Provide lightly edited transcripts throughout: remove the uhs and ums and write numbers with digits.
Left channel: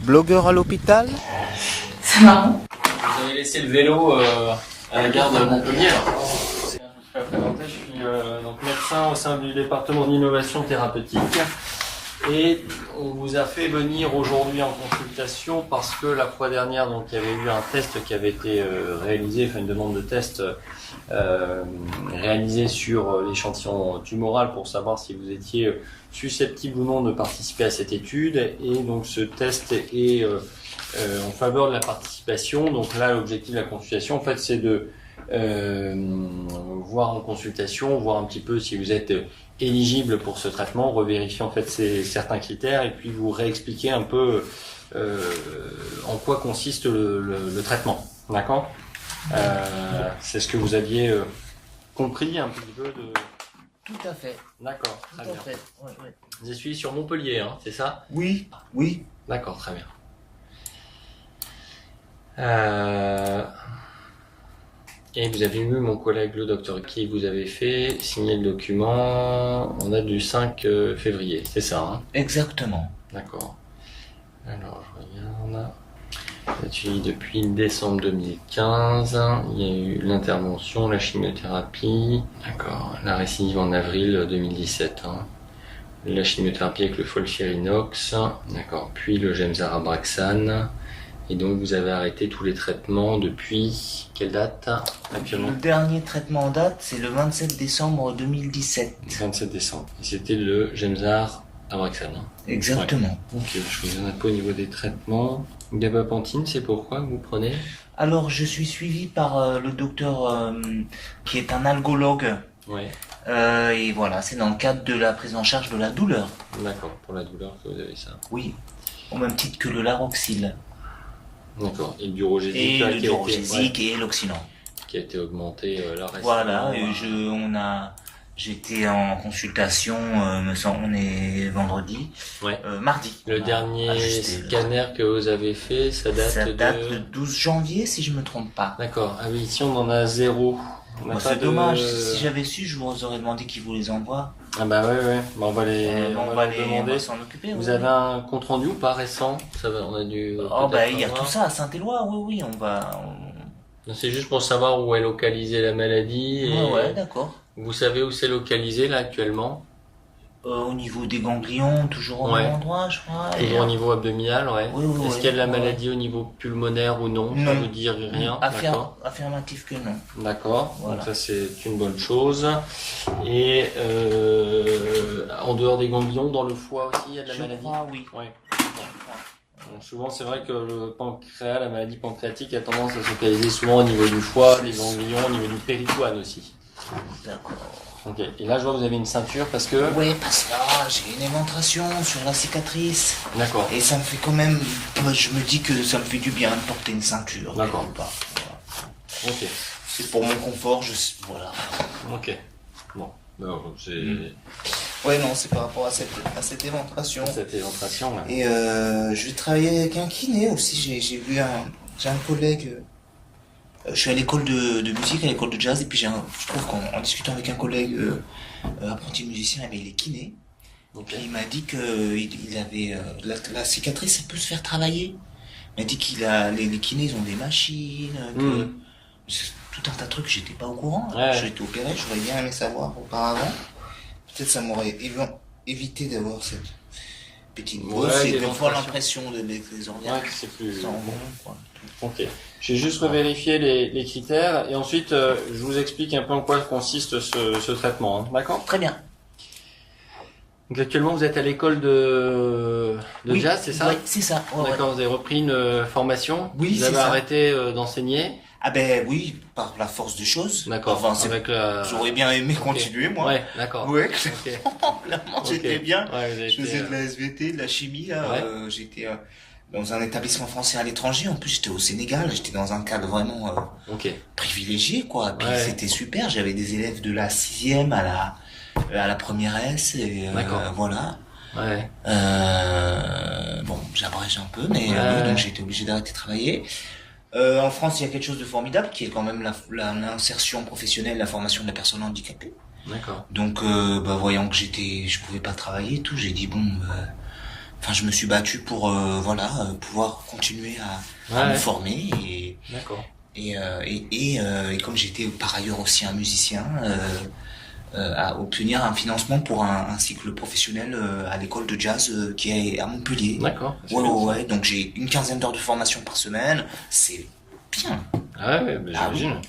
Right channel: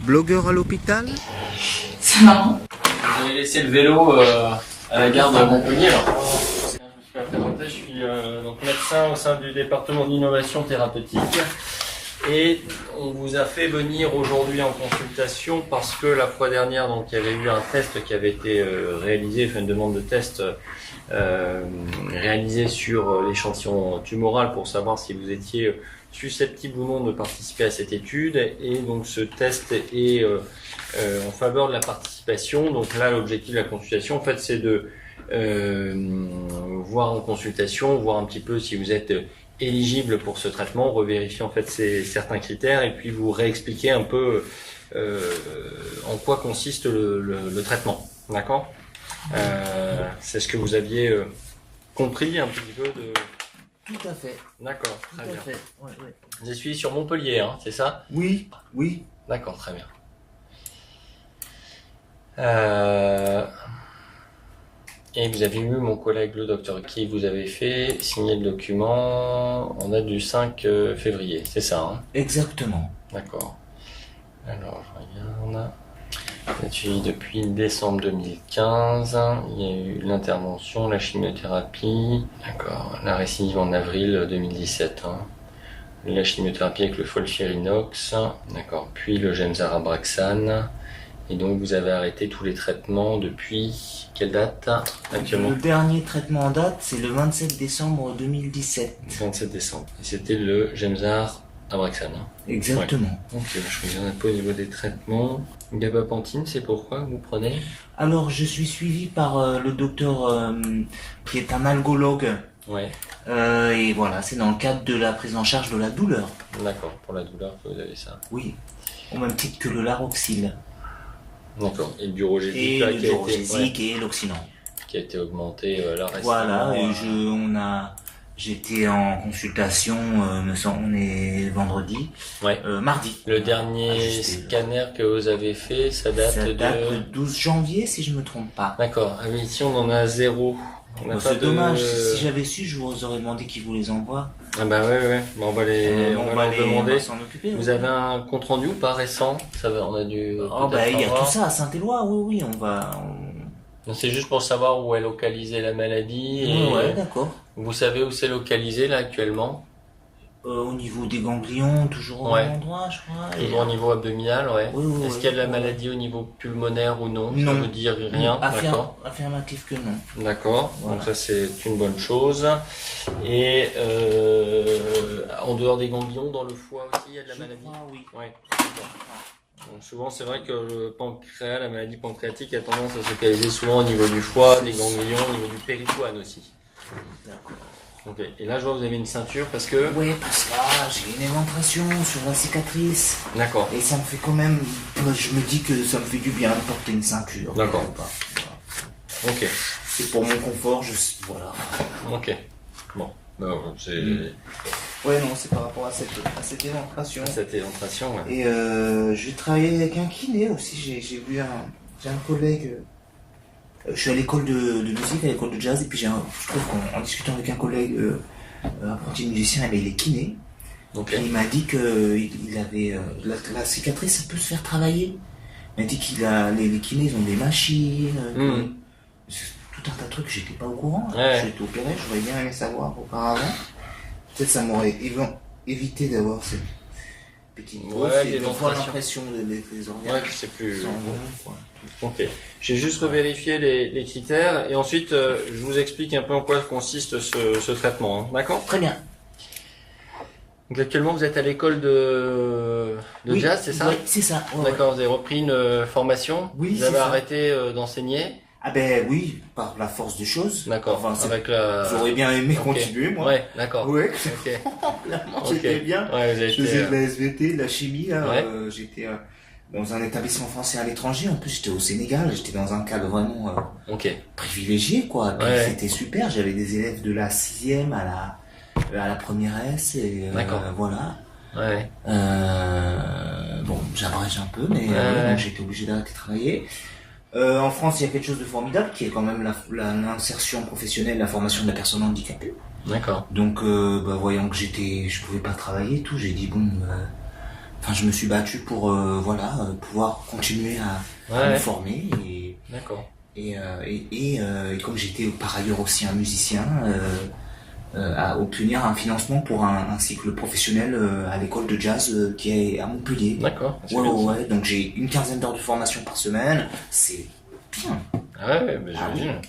Blogueur à l'hôpital? C'est marrant. Vous avez laissé le vélo à la gare de Montpellier. Je suis donc médecin au sein du département d'innovation thérapeutique et on vous a fait venir aujourd'hui en consultation parce que la fois dernière donc il y avait eu un test qui avait été réalisé, enfin une demande de test réalisée sur l'échantillon tumoral pour savoir si vous étiez susceptible ou non de participer à cette étude, et donc ce test est en faveur de la participation. Donc là, l'objectif de la consultation, en fait, c'est de voir en consultation, voir un petit peu si vous êtes éligible pour ce traitement, revérifier en fait certains critères, et puis vous réexpliquer un peu en quoi consiste le traitement. D'accord? C'est ce que vous aviez compris un petit peu de... Tout à fait. D'accord, très bien. Tout à fait. Ouais, ouais. Je suis sur Montpellier, hein, c'est ça? Oui, oui. D'accord, très bien. Et vous avez eu mon collègue le docteur qui vous avait fait signer le document en date du 5 février, c'est ça, hein? Exactement. D'accord. Alors, je regarde. Là-dessus, depuis décembre 2015, il y a eu l'intervention, la chimiothérapie. D'accord. La récidive en avril 2017. Hein. La chimiothérapie avec le FOLFIRINOX. D'accord. Puis le Gemzar Abraxane. Et donc vous avez arrêté tous les traitements depuis quelle date actuellement? Le dernier traitement en date, c'est le 27 décembre 2017. 27 décembre. Et c'était le Gemzar Abraxane. Hein. Exactement. Ouais. Ok, je regarde un peu au niveau des traitements. Gabapentine, c'est pourquoi vous prenez? Alors, je suis suivi par le docteur qui est un algologue. Ouais. Et voilà, c'est dans le cadre de la prise en charge de la douleur. D'accord, pour la douleur que vous avez ça. Oui, au même titre que le Laroxyl. D'accord, et le Durogésique Et là, le qui a été, Durogésique et l'Oxylan. qui a été augmenté là récemment. Voilà, et j'étais en consultation, me semble, on est vendredi, Ouais. mardi. Le dernier scanner que vous avez fait, ça date Ça de... date le 12 janvier, si je me trompe pas. D'accord, ah oui, ici on en a 0. On n'a Bon, pas c'est dommage, si j'avais su, je vous aurais demandé qu'ils vous les envoient. Ah bah ouais, bah on va leur demander. On va s'en occuper. Vous avez un compte rendu ou pas récent? Ça va, on a dû Oh bah il y a tout ça à Saint-Éloi, oui, on va... Non, c'est juste pour savoir où est localisée la maladie. Et Ouais, d'accord. vous savez où c'est localisé là actuellement? Au niveau des ganglions, toujours au même endroit, je crois. Toujours au niveau abdominal, ouais. Oui, Est-ce qu'il y a de la maladie au niveau pulmonaire ou non? Ça vous dit rien? D'accord. Affirmatif que non. D'accord, Voilà. donc ça c'est une bonne chose. Et en dehors des ganglions, dans le foie aussi, il y a de la maladie? Crois, oui. Ouais. Donc souvent c'est vrai que le pancréas, la maladie pancréatique a tendance à se localiser souvent au niveau du foie, des ganglions, au niveau du péritoine aussi. D'accord. Ok, et là je vois que vous avez une ceinture parce que... Oui, parce que là, j'ai une éventration sur la cicatrice. D'accord. Et ça me fait quand même... Je me dis que ça me fait du bien de porter une ceinture. D'accord. Ok. C'est pour mon confort, voilà. Ok. Bon. C'est... Ouais, non, c'est par rapport à cette éventration. Cette éventration, ouais. Et je vais travailler avec un kiné aussi. J'ai un collègue... je suis à l'école de musique, à l'école de jazz, et puis je trouve qu'en discutant avec un collègue apprenti musicien, il est kiné. Ok. Et il m'a dit que il avait la cicatrice, ça peut se faire travailler. Il m'a dit les kinés, ils ont des machines, c'est tout un tas de trucs, j'étais pas au courant. Ouais. J'ai été opéré, j'aurais bien aimé savoir auparavant. Peut-être ça m'aurait évité d'avoir cette petite grosse et de voir l'impression des organes. Ouais, c'est plus... Quoi. Ok. J'ai juste revérifié les critères et ensuite je vous explique un peu en quoi consiste ce traitement. Hein. D'accord? Très bien. Donc actuellement vous êtes à l'école de jazz, c'est ça? Oui, c'est ça. Ouais, d'accord, vous avez repris une formation? Oui, vous avez arrêté d'enseigner? Ah ben oui, par la force des choses. D'accord. Enfin, avec la... J'aurais bien aimé continuer, moi. Ouais, d'accord. Ouais, ok. j'étais bien. Ouais, vous avez je faisais de la SVT, de la chimie. Ouais. J'étais dans un établissement français à l'étranger. En plus, j'étais au Sénégal. J'étais dans un cadre vraiment privilégié, quoi. Puis c'était super. J'avais des élèves de la 6e à la première S. Et, d'accord. Voilà. Ouais. Bon, j'abrège un peu, mais donc j'ai été obligé d'arrêter de travailler. En France, il y a quelque chose de formidable qui est quand même l'insertion professionnelle, la formation de la personne handicapée. D'accord. Donc, voyant que je pouvais pas travailler et tout, j'ai dit bon, enfin, je me suis battu pour pouvoir continuer à me Ouais, former et d'accord. et comme j'étais par ailleurs aussi un musicien, à obtenir un financement pour un cycle professionnel à l'école de jazz qui est à Montpellier. D'accord, c'est Ouais, bien ouais, ça. ouais. Donc j'ai une quinzaine d'heures de formation par semaine. C'est bien. Ah ouais, bah, Ah j'imagine.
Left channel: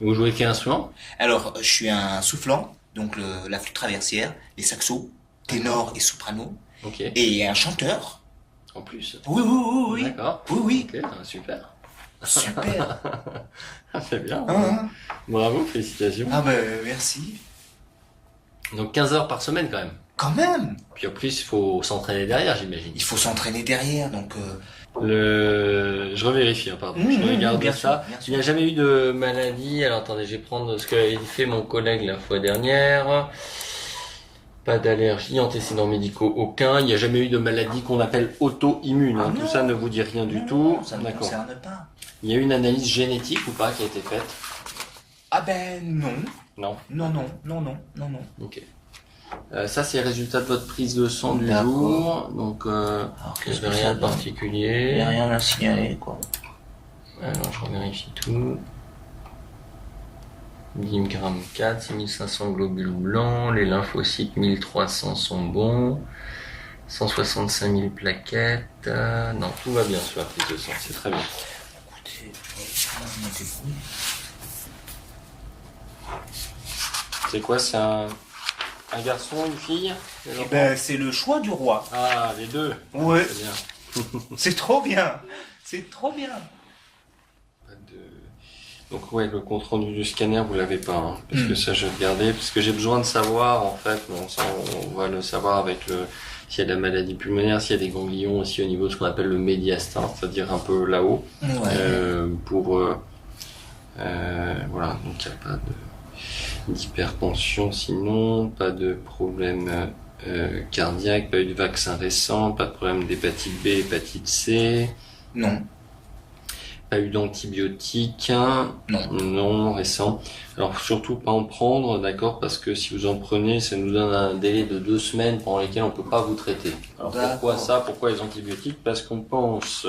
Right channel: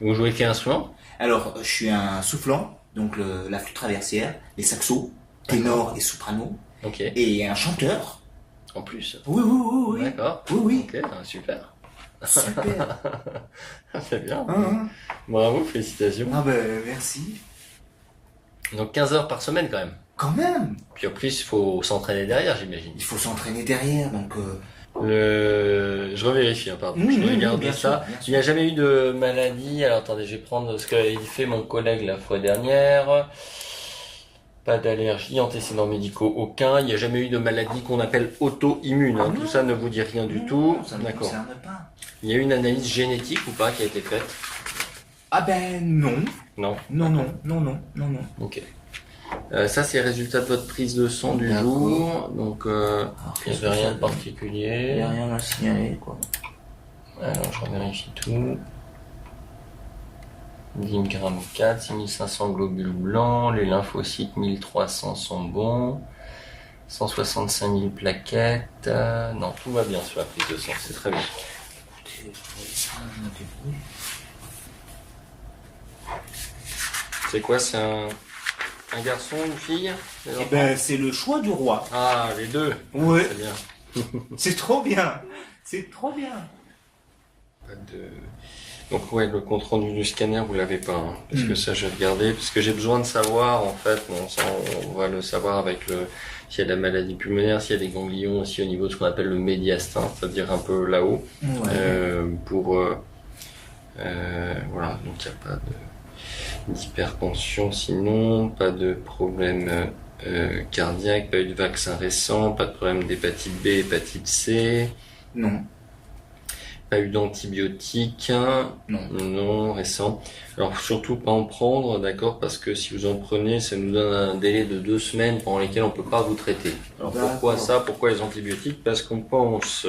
Vous jouez quel instrument? Alors, je suis un soufflant, donc la flûte traversière, les saxos, ténor et soprano, Ok. et un chanteur. En plus. Oui, oui, oui, oui. D'accord. Oui, oui. Ok, super. Super. C'est bien. Hein. Bravo, félicitations. Ah ben, merci. Donc 15 heures par semaine quand même. Quand même. Puis en plus, il faut s'entraîner derrière, j'imagine. Il faut s'entraîner derrière, donc... Je revérifie, hein, pardon. Je regarde bien ça. sûr, bien sûr. Il n'y a jamais eu de maladie. Alors attendez, je vais prendre ce qu'avait fait mon collègue la fois dernière. Pas d'allergie, antécédents médicaux aucun. Il n'y a jamais eu de maladie qu'on appelle auto-immune. Hein. Ah Tout non. ça ne vous dit rien du Non, tout. ça ne me D'accord. concerne pas. Il y a eu une analyse génétique ou pas qui a été faite? Ah ben, non. Non. Non, non, non, non, non, non. Ok. Ça, c'est le résultat de votre prise de sang du D'accord. jour. Donc, Alors, il n'y qu'est-ce avait que rien ça de donne? particulier. Il n'y a rien à signaler, quoi. Alors, je revérifie tout. 10 grammes 4, 6500 globules blancs, les lymphocytes 1300 sont bons, 165 000 plaquettes. Non, tout va bien sur la prise de sang, c'est très bien. C'est quoi, c'est un garçon, une fille? Eh ben, c'est le choix du roi. Ah, les deux. Ouais, Très bien. c'est trop bien. C'est trop bien. Pas de... Donc ouais, le compte rendu du scanner, vous l'avez pas, hein, parce que ça je vais regarder, parce que j'ai besoin de savoir en fait, bon, ça, on va le savoir avec s'il y a de la maladie pulmonaire, s'il y a des ganglions aussi au niveau de ce qu'on appelle le médiastin, c'est-à-dire un peu là-haut, Ouais. voilà, donc il n'y a pas d'hypertension sinon, pas de problème cardiaque, pas eu de vaccin récent, pas de problème d'hépatite B, hépatite C. Non. Pas eu d'antibiotiques, hein. Non. Non, récent. Alors surtout pas en prendre, d'accord, parce que si vous en prenez, ça nous donne un délai de 2 semaines pendant lesquelles on peut pas vous traiter. Alors pourquoi D'accord. ça? Pourquoi les antibiotiques? Parce qu'on pense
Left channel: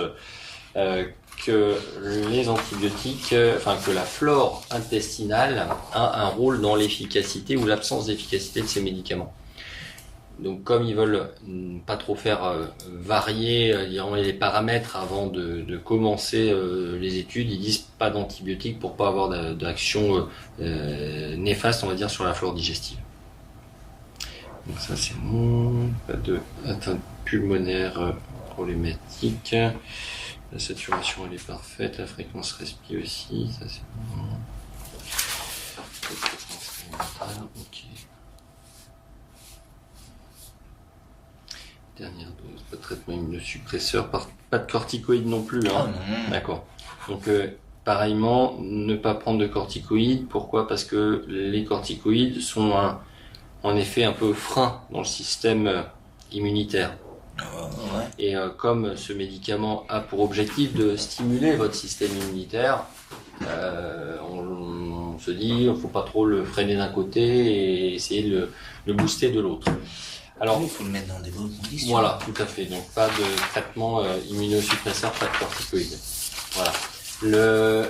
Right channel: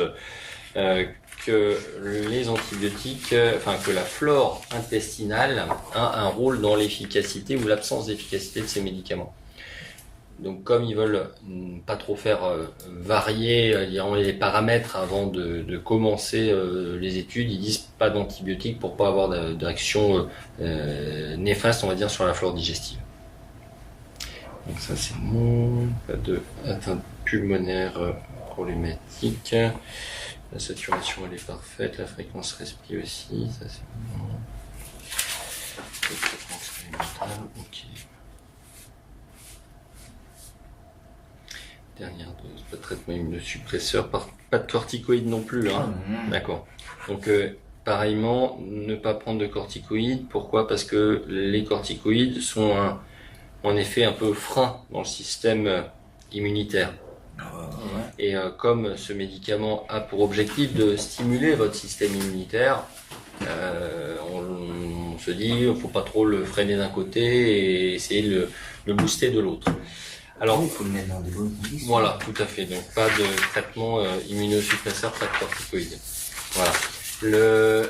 que les antibiotiques, que la flore intestinale a un rôle dans l'efficacité ou l'absence d'efficacité de ces médicaments. Donc comme ils veulent pas trop faire varier les paramètres avant de commencer les études, ils disent pas d'antibiotiques pour pas avoir d'action néfaste, on va dire, sur la flore digestive. Donc ça c'est bon, pas de atteinte pulmonaire problématique. La saturation elle est parfaite, la fréquence respi aussi, ça c'est bon. Le traitement expérimental, ok. Dernière dose, pas de traitement immunosuppresseur, pas de corticoïdes non plus, hein. D'accord. Donc pareillement, ne pas prendre de corticoïdes. Pourquoi? Parce que les corticoïdes sont en effet un peu frein dans le système immunitaire. Ouais. Et comme ce médicament a pour objectif de stimuler votre système immunitaire, on se dit il ne faut pas trop le freiner d'un côté et essayer de le booster de l'autre. Alors, il faut le mettre dans des bonnes conditions. voilà, tout à fait. Donc pas de traitement immunosuppresseur, pas de corticoïdes. Voilà. Le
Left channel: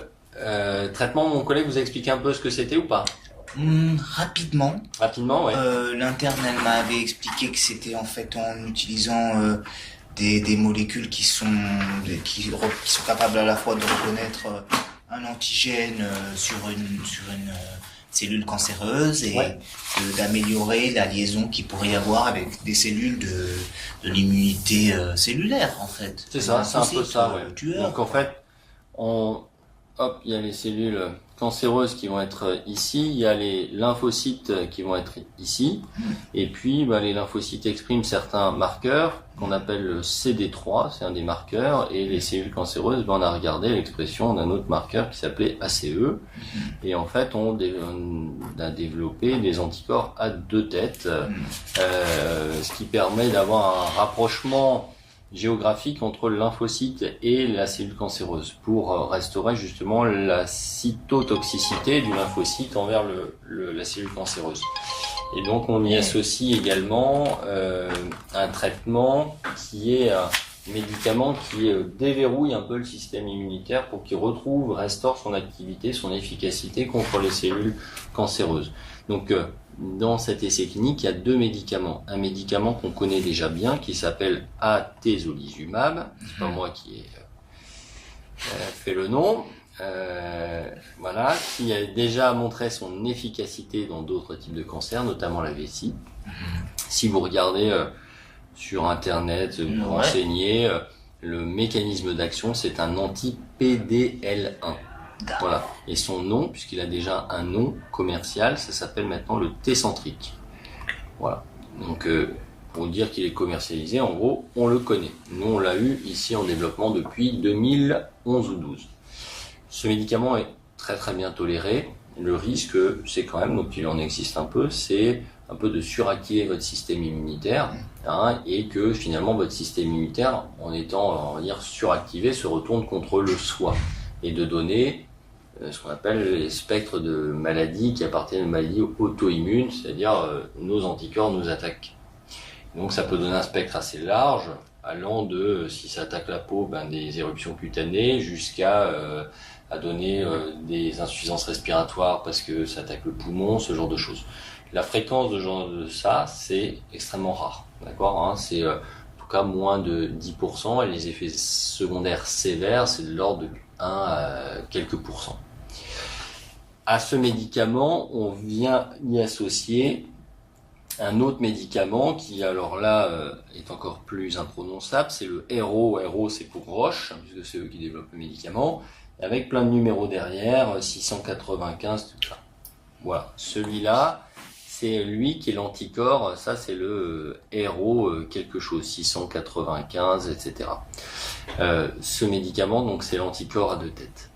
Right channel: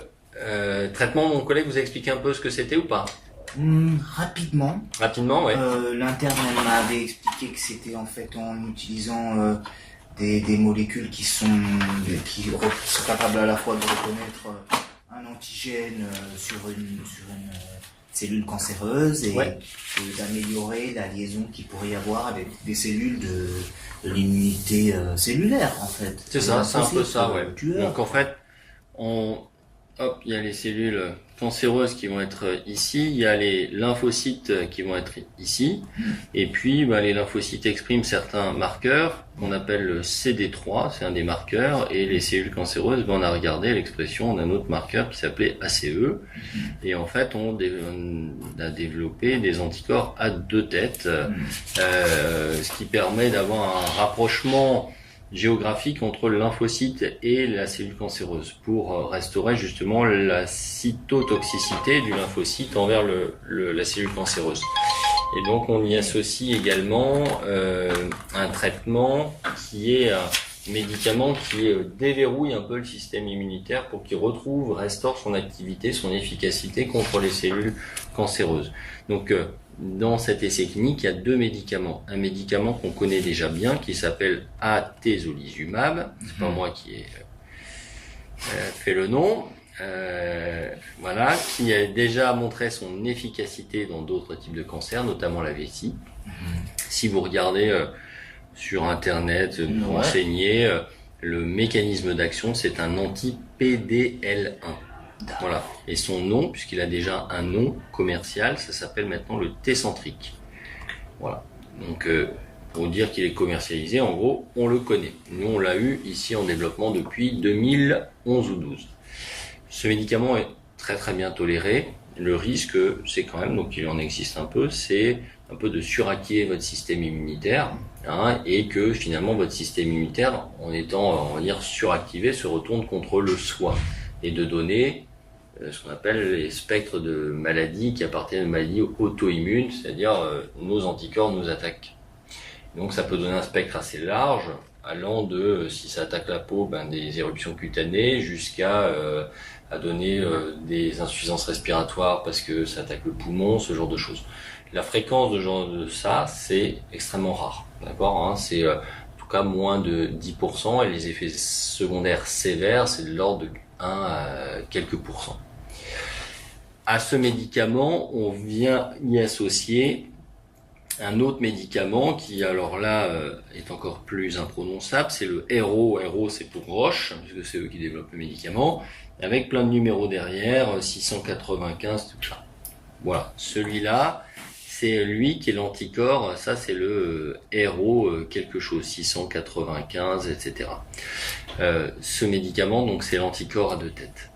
traitement, mon collègue vous a expliqué un peu ce que c'était ou pas? Rapidement. Rapidement, ouais. L'interne elle m'avait expliqué que c'était en fait en utilisant des molécules qui sont capables à la fois de reconnaître un antigène sur une cellule cancéreuse et Ouais. d'améliorer la liaison qu'il pourrait y avoir avec des cellules de l'immunité cellulaire en fait. C'est ça, c'est un peu ça, ouais. Tueur. Donc en fait, il y a les cellules cancéreuses qui vont être ici, il y a les lymphocytes qui vont être ici, et puis les lymphocytes expriment certains marqueurs qu'on appelle le CD3, c'est un des marqueurs, et les cellules cancéreuses, on a regardé l'expression d'un autre marqueur qui s'appelait ACE, et en fait on a développé des anticorps à deux têtes, ce qui permet d'avoir un rapprochement géographique entre le lymphocyte et la cellule cancéreuse pour restaurer justement la cytotoxicité du lymphocyte envers la cellule cancéreuse. Et donc on y associe également un traitement qui est un médicament qui déverrouille un peu le système immunitaire pour qu'il restaure son activité, son efficacité contre les cellules cancéreuses. Donc dans cet essai clinique, il y a 2 médicaments. Un médicament qu'on connaît déjà bien qui s'appelle atezolizumab, c'est pas moi qui ai fait le nom. Voilà, qui a déjà montré son efficacité dans d'autres types de cancers, notamment la vessie. Si vous regardez sur internet, vous renseignez, le mécanisme d'action, c'est un anti-PDL1. Voilà. Et son nom, puisqu'il a déjà un nom commercial, ça s'appelle maintenant le Tecentriq. Voilà. Donc, pour dire qu'il est commercialisé, en gros, on le connaît. Nous, on l'a eu ici en développement depuis 2011 ou 12. Ce médicament est très très bien toléré. Le risque, c'est quand même, donc il en existe un peu, c'est un peu de suractiver votre système immunitaire, hein, et que finalement votre système immunitaire, en étant, on va dire, suractivé, se retourne contre le soi et de donner ce qu'on appelle les spectres de maladies qui appartiennent aux maladies auto-immunes, c'est-à-dire nos anticorps nous attaquent. Donc ça peut donner un spectre assez large, allant de, si ça attaque la peau, des éruptions cutanées, jusqu'à à donner des insuffisances respiratoires parce que ça attaque le poumon, ce genre de choses. La fréquence de ça, c'est extrêmement rare, d'accord, hein, c'est en tout cas moins de 10%, et les effets secondaires sévères, c'est de l'ordre de 1 à quelques pourcents. À ce médicament, on vient y associer un autre médicament qui, alors là, est encore plus imprononçable, c'est le HERO. HERO, c'est pour Roche, puisque c'est eux qui développent le médicament, avec plein de numéros derrière, 695, tout ça. Voilà, celui-là, c'est lui qui est l'anticorps, ça c'est le HERO quelque chose, 695, etc. Ce médicament, donc c'est l'anticorps à 2 têtes.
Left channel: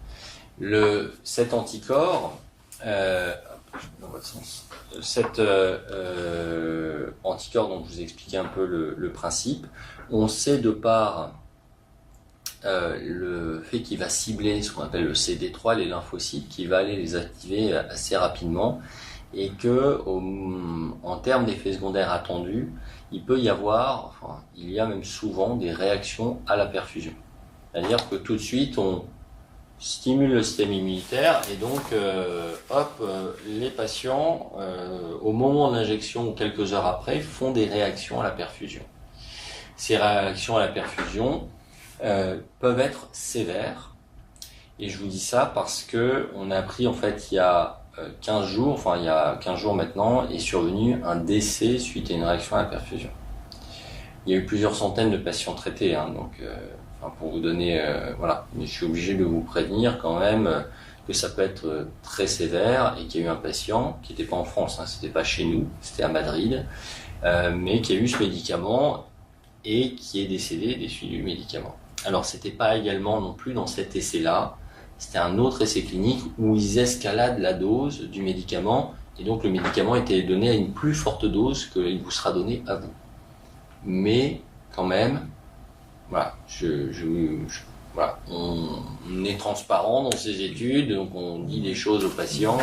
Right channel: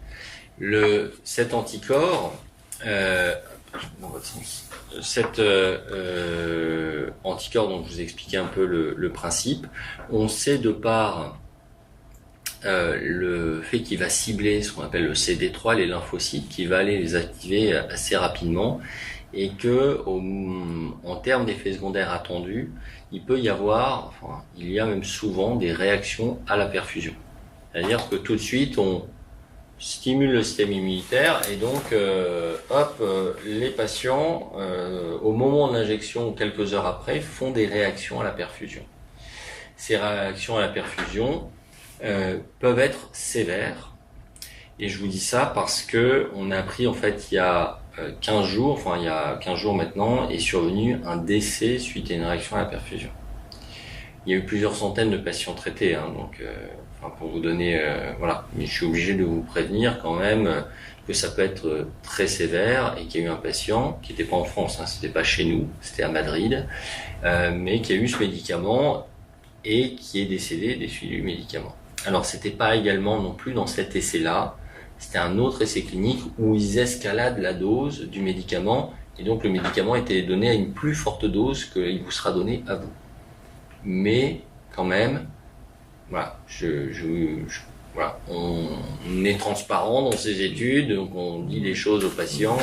Cet anticorps, dans votre sens, cet anticorps dont je vous ai expliqué un peu le principe, on sait de par le fait qu'il va cibler ce qu'on appelle le CD3, les lymphocytes, qui va aller les activer assez rapidement, et que en termes d'effets secondaires attendus, il y a même souvent des réactions à la perfusion. C'est-à-dire que tout de suite, on stimule le système immunitaire, et donc les patients, au moment de l'injection ou quelques heures après, font des réactions à la perfusion. Ces réactions à la perfusion peuvent être sévères, et je vous dis ça parce que on a appris en fait il y a 15 jours maintenant, est survenu un décès suite à une réaction à la perfusion. Il y a eu plusieurs centaines de patients traités, hein, donc pour vous donner, voilà. Mais je suis obligé de vous prévenir quand même que ça peut être très sévère, et qu'il y a eu un patient qui n'était pas en France, hein, c'était pas chez nous, c'était à Madrid, mais qui a eu ce médicament et qui est décédé des suites du médicament. Alors c'était pas également non plus dans cet essai-là, c'était un autre essai clinique où ils escaladent la dose du médicament, et donc le médicament était donné à une plus forte dose qu'il vous sera donné à vous. Mais quand même, voilà, voilà, on est transparent dans ces études, donc on dit les choses aux patients,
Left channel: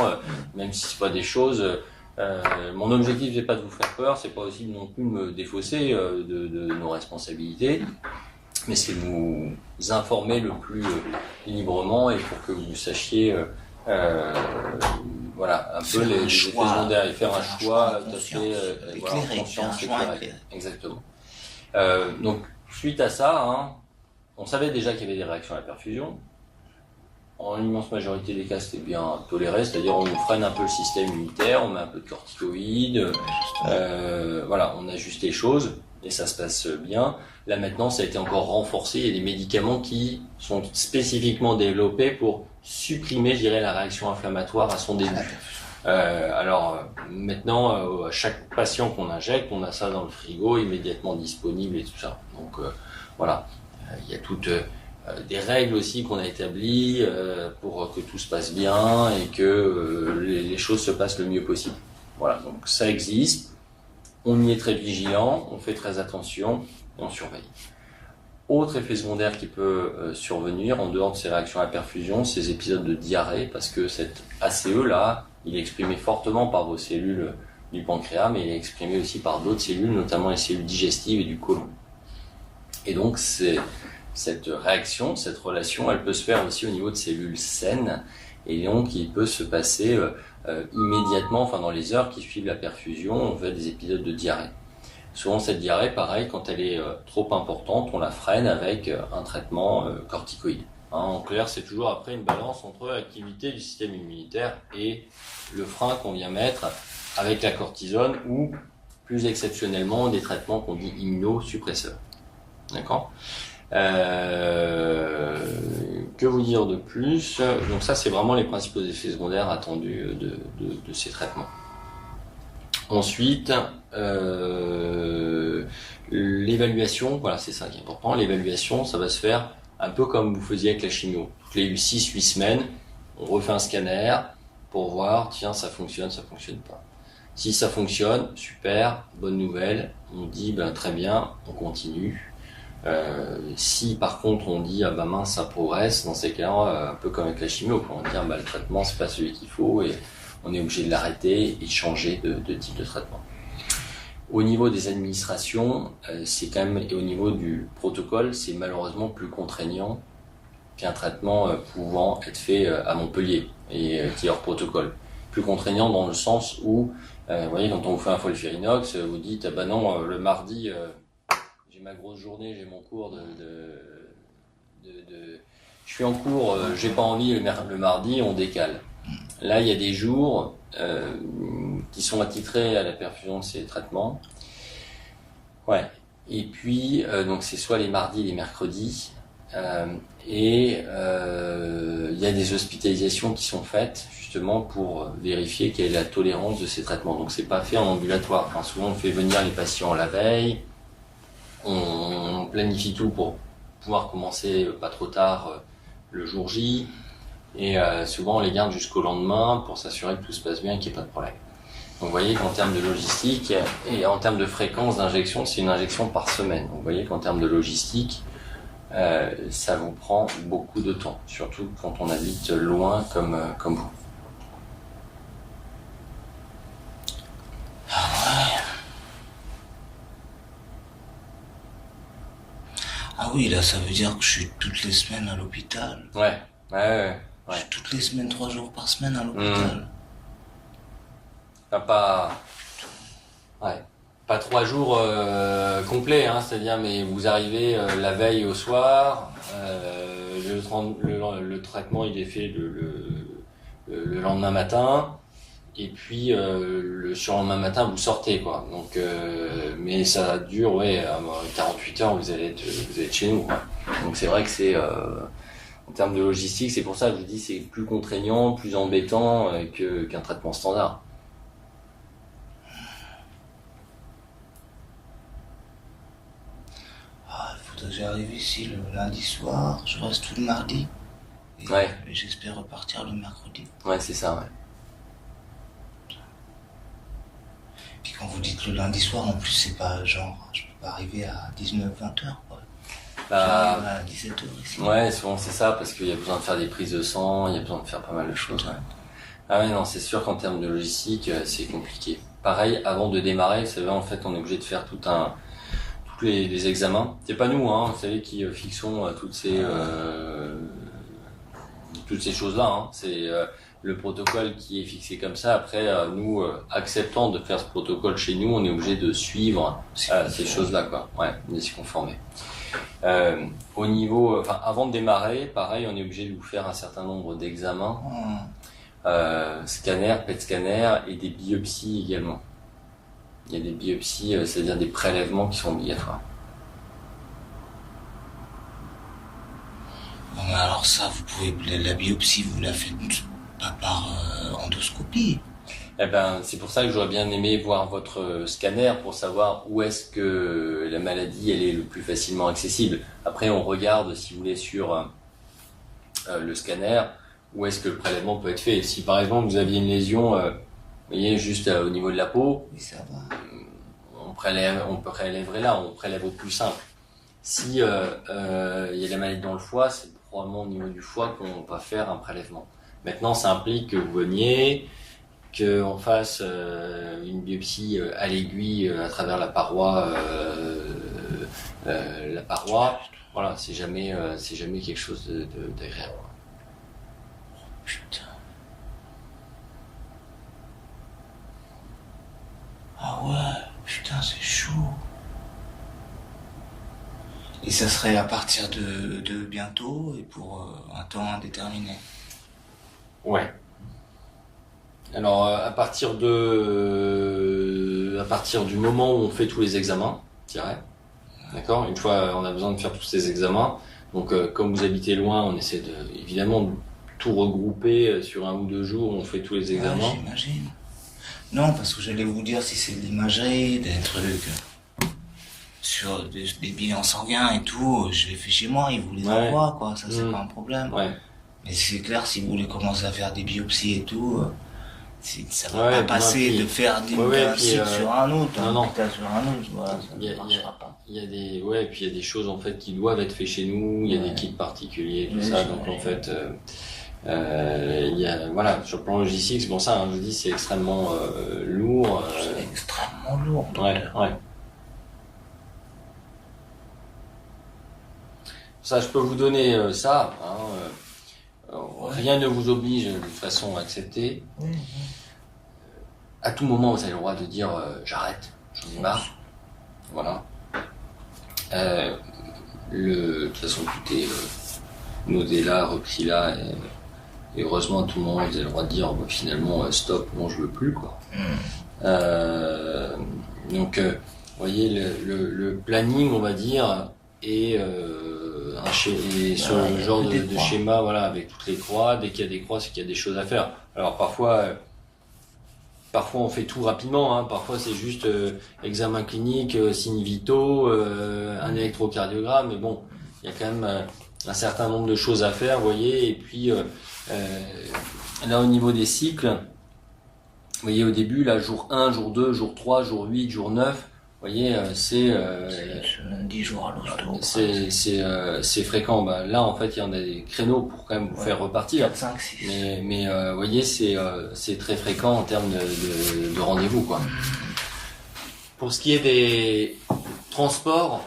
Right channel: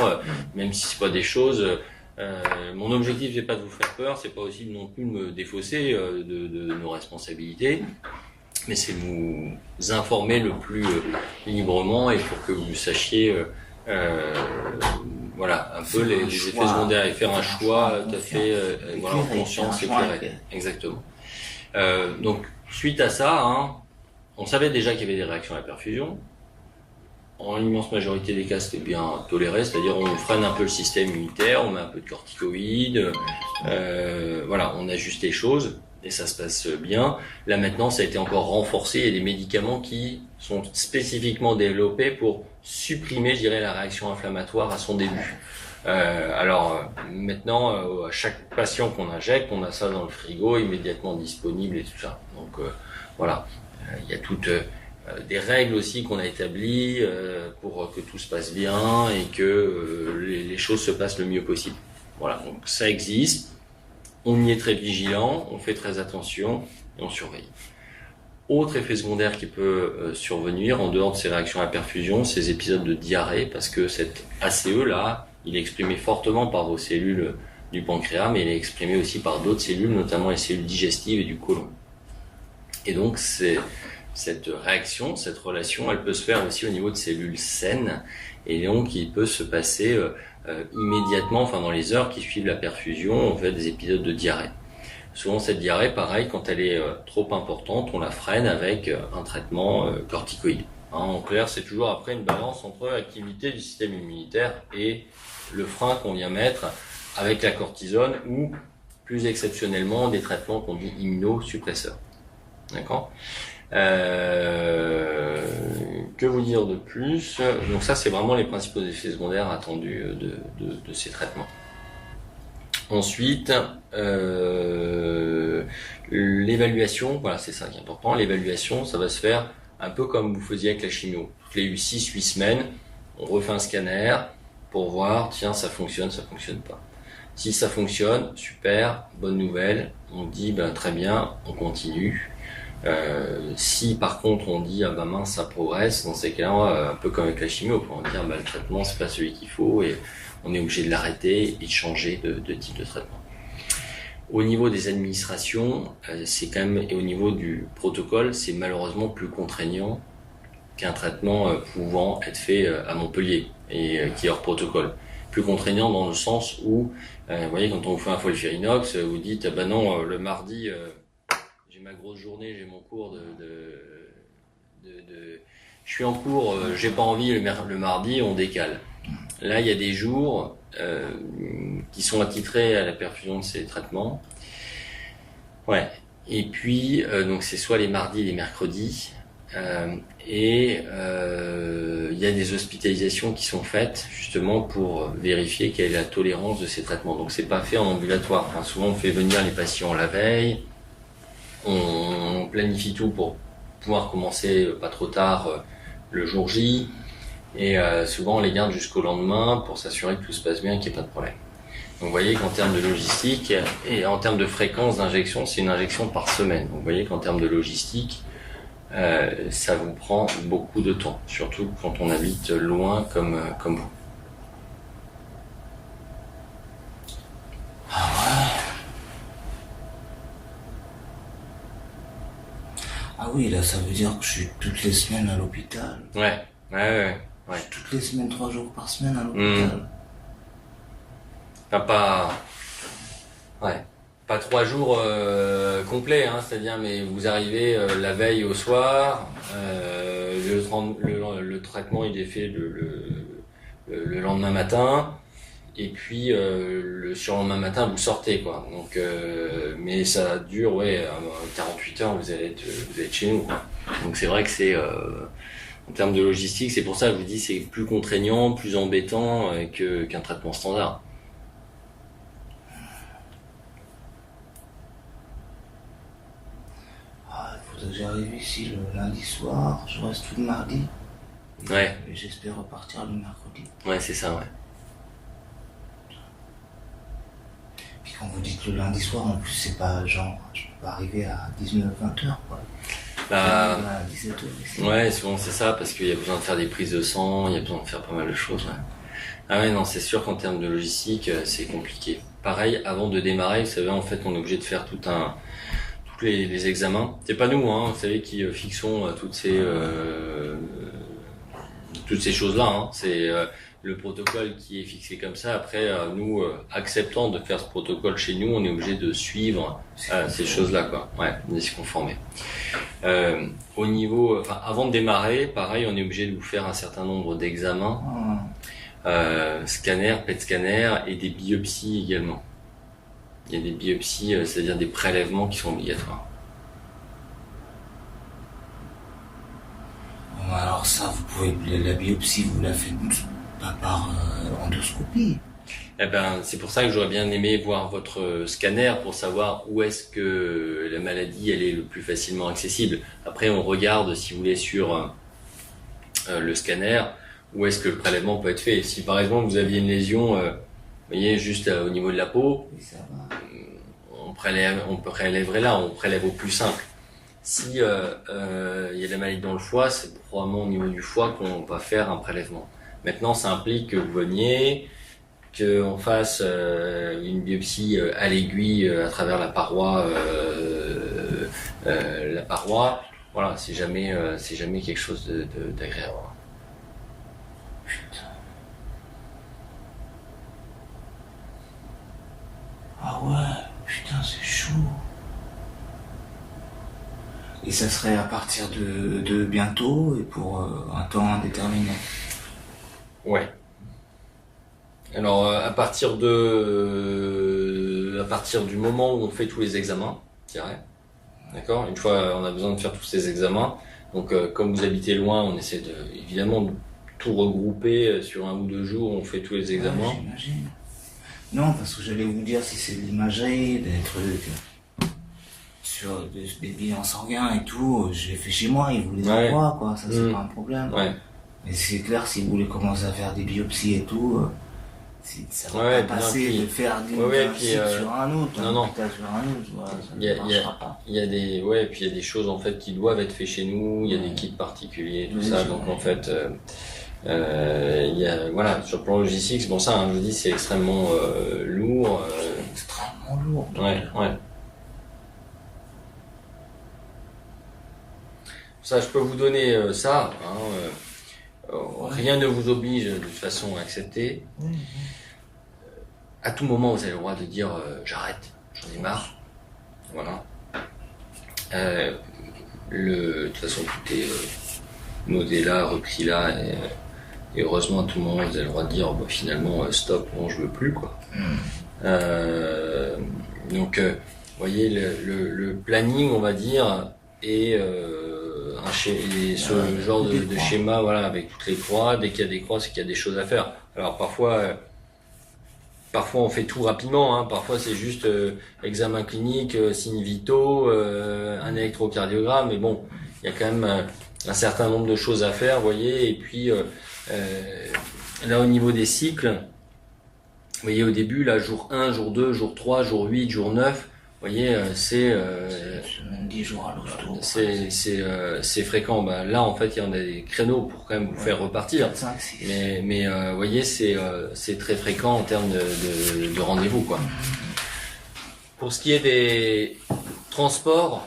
même si c'est pas des choses. Mon objectif n'est pas de vous faire peur, c'est pas aussi non plus de me défausser de nos responsabilités, mais c'est de vous informer le plus librement, et pour que vous sachiez voilà, un peu les effets secondaires, et faire un choix tout à fait en conscience éclairée. Exactement. Donc suite à ça, hein, on savait déjà qu'il y avait des réactions à la perfusion. En l'immense majorité des cas, c'était bien toléré, c'est-à-dire on freine un peu le système immunitaire, on met un peu de corticoïdes, voilà, on ajuste les choses et ça se passe bien. Là maintenant, ça a été encore renforcé, il y a des médicaments qui sont spécifiquement développés pour supprimer, je dirais, la réaction inflammatoire à son début. Alors maintenant, à chaque patient qu'on injecte, on a ça dans le frigo, immédiatement disponible et tout ça. Donc voilà, il y a toutes des règles aussi qu'on a établies pour que tout se passe bien et que les choses se passent le mieux possible. Voilà, donc ça existe, on y est très vigilant, on fait très attention et on surveille. Autre effet secondaire qui peut survenir en dehors de ces réactions à la perfusion, ces épisodes de diarrhée, parce que cet ACE là, il est exprimé fortement par vos cellules du pancréas, mais il est exprimé aussi par d'autres cellules, notamment les cellules digestives et du côlon. Et donc, cette réaction, cette relation, elle peut se faire aussi au niveau de cellules saines, et donc il peut se passer immédiatement, enfin dans les heures qui suivent la perfusion, on fait des épisodes de diarrhée. Souvent cette diarrhée, pareil, quand elle est trop importante, on la freine avec un traitement corticoïde. En clair, c'est toujours après une balance entre l'activité du système immunitaire et le frein qu'on vient mettre avec la cortisone ou, plus exceptionnellement, des traitements qu'on dit immunosuppresseurs. D'accord ? Que vous dire de plus ? Donc ça, c'est vraiment les principaux effets secondaires attendus de ces traitements. Ensuite, l'évaluation, voilà, c'est ça qui est important. L'évaluation, ça va se faire un peu comme vous faisiez avec la chimio. Toutes les 6-8 semaines, on refait un scanner pour voir, tiens, ça fonctionne pas. Si ça fonctionne, super, bonne nouvelle, on dit, très bien, on continue. Si par contre on dit, mince, ça progresse, dans ces cas-là, un peu comme avec la chimio, on va dire, le traitement, c'est pas celui qu'il faut et on est obligé de l'arrêter et de changer de type de traitement. Au niveau des administrations, c'est quand même, et au niveau du protocole, c'est malheureusement plus contraignant qu'un traitement pouvant être fait à Montpellier et qui est hors protocole. Plus contraignant dans le sens où, vous voyez, quand on vous fait un folfirinox, vous dites, non, le mardi, j'ai ma grosse journée, j'ai mon cours je suis en cours, j'ai pas envie, le mardi, on décale. Là, il y a des jours qui sont attitrés à la perfusion de ces traitements. Ouais. Et puis, donc c'est soit les mardis, les mercredis. Il y a des hospitalisations qui sont faites justement pour vérifier quelle est la tolérance de ces traitements. Donc c'est pas fait en ambulatoire. Enfin, souvent on fait venir les patients la veille, on planifie tout pour pouvoir commencer pas trop tard le jour J, et souvent on les garde jusqu'au lendemain pour s'assurer que tout se passe bien et qu'il n'y ait pas de problème. Donc vous voyez qu'en termes de logistique et en termes de fréquence d'injection, c'est une injection par semaine. Donc vous voyez qu'en termes de logistique, ça vous prend beaucoup de temps, surtout quand on habite loin comme vous. Ah oui, là ça veut dire que je suis toutes les semaines à l'hôpital. Ouais. Je suis toutes les semaines, 3 jours par semaine à l'hôpital. Pas 3 jours complets, hein, c'est-à-dire, mais vous arrivez la veille au soir, le traitement il est fait le lendemain matin, et puis le surlendemain matin vous sortez, quoi. Donc, mais ça dure 48 heures, vous allez être chez nous, quoi. Donc c'est vrai que c'est en termes de logistique, c'est pour ça que je vous dis c'est plus contraignant, plus embêtant qu'un traitement standard. J'arrive ici le lundi soir, je reste tout le mardi. Et j'espère repartir le mercredi. Ouais, c'est ça, ouais. Puis quand vous dites le lundi soir, en plus, c'est pas genre, je peux pas arriver à 19-20 heures, quoi. À 17 heures ici. Ouais, souvent c'est ça, parce qu'il y a besoin de faire des prises de sang, il y a besoin de faire pas mal de choses, ouais. Ah ouais, non, c'est sûr qu'en termes de logistique, c'est compliqué. Pareil, avant de démarrer, vous savez, en fait, on est obligé de faire tous les examens. C'est pas nous, hein, vous savez, qui fixons toutes ces choses-là, hein. C'est le protocole qui est fixé comme ça. Après, nous, acceptant de faire ce protocole chez nous, on est obligé de suivre ces choses-là, quoi. Ouais, de s'y conformer. Au niveau, avant de démarrer, pareil, on est obligé de vous faire un certain nombre d'examens, scanner, PET scanner et des biopsies également. Il y a des biopsies, c'est-à-dire des prélèvements qui sont obligatoires. Alors ça, vous pouvez, la biopsie, vous la faites pas par endoscopie. Eh ben, c'est pour ça que j'aurais bien aimé voir votre scanner pour savoir où est-ce que la maladie elle est le plus facilement accessible. Après, on regarde, si vous voulez, sur le scanner, où est-ce que le prélèvement peut être fait. Si par exemple vous aviez une lésion, vous voyez, juste au niveau de la peau, oui, ça va. on prélèverait là, on prélève au plus simple. Si y a de la maladie dans le foie, c'est probablement au niveau du foie qu'on va faire un prélèvement. Maintenant, ça implique que vous veniez, qu'on fasse une biopsie à l'aiguille à travers la paroi, voilà, c'est jamais quelque chose d'agréable. Putain. Ah ouais, putain, c'est chaud. Et ça serait à partir de bientôt et pour un temps indéterminé. Ouais. Alors à partir du moment où on fait tous les examens, je dirais. D'accord. Une fois, on a besoin de faire tous ces examens. Donc comme vous habitez loin, on essaie évidemment de tout regrouper sur 1 ou 2 jours. On fait tous les examens. Ouais, j'imagine. Non, parce que j'allais vous dire si c'est de l'imagerie, des trucs sur des bilans sanguins et tout, je les fais chez moi, ils vous les envoient, quoi, ça c'est pas un problème. Ouais. Mais c'est clair, si vous voulez commencer à faire des biopsies et tout, ça va pas passer de faire d'un site sur un autre, sur un autre, voilà, il y a des choses en fait qui doivent être faites chez nous, il y a des kits particuliers, tout ça, donc en fait... voilà, sur le plan logistique, c'est pour ça, je dis, c'est extrêmement lourd. C'est extrêmement lourd. Ouais. Ça, je peux vous donner ça. Rien ne vous oblige de toute façon à accepter. À tout moment, vous avez le droit de dire j'arrête, j'en ai marre. Voilà. De toute façon, tout est nodé là, repris là. Et heureusement, à tout moment, vous avez le droit de dire finalement stop, non, je veux plus, quoi. Donc, vous voyez, le planning, on va dire, et ce genre de schéma, voilà, avec toutes les croix. Dès qu'il y a des croix, c'est qu'il y a des choses à faire. Alors parfois on fait tout rapidement, parfois c'est juste examen clinique, signes vitaux, un électrocardiogramme, mais bon, il y a quand même un certain nombre de choses à faire, vous voyez, et puis là au niveau des cycles, vous voyez au début, là, jour 1, jour 2, jour 3, jour 8, jour 9, vous voyez, c'est 10 jours à l'hosto. C'est fréquent. Là, en fait, il y en a des créneaux pour quand même vous faire repartir. 4, 5, 6. Mais vous voyez, c'est très fréquent en termes de rendez-vous, quoi. Pour ce qui est des transports,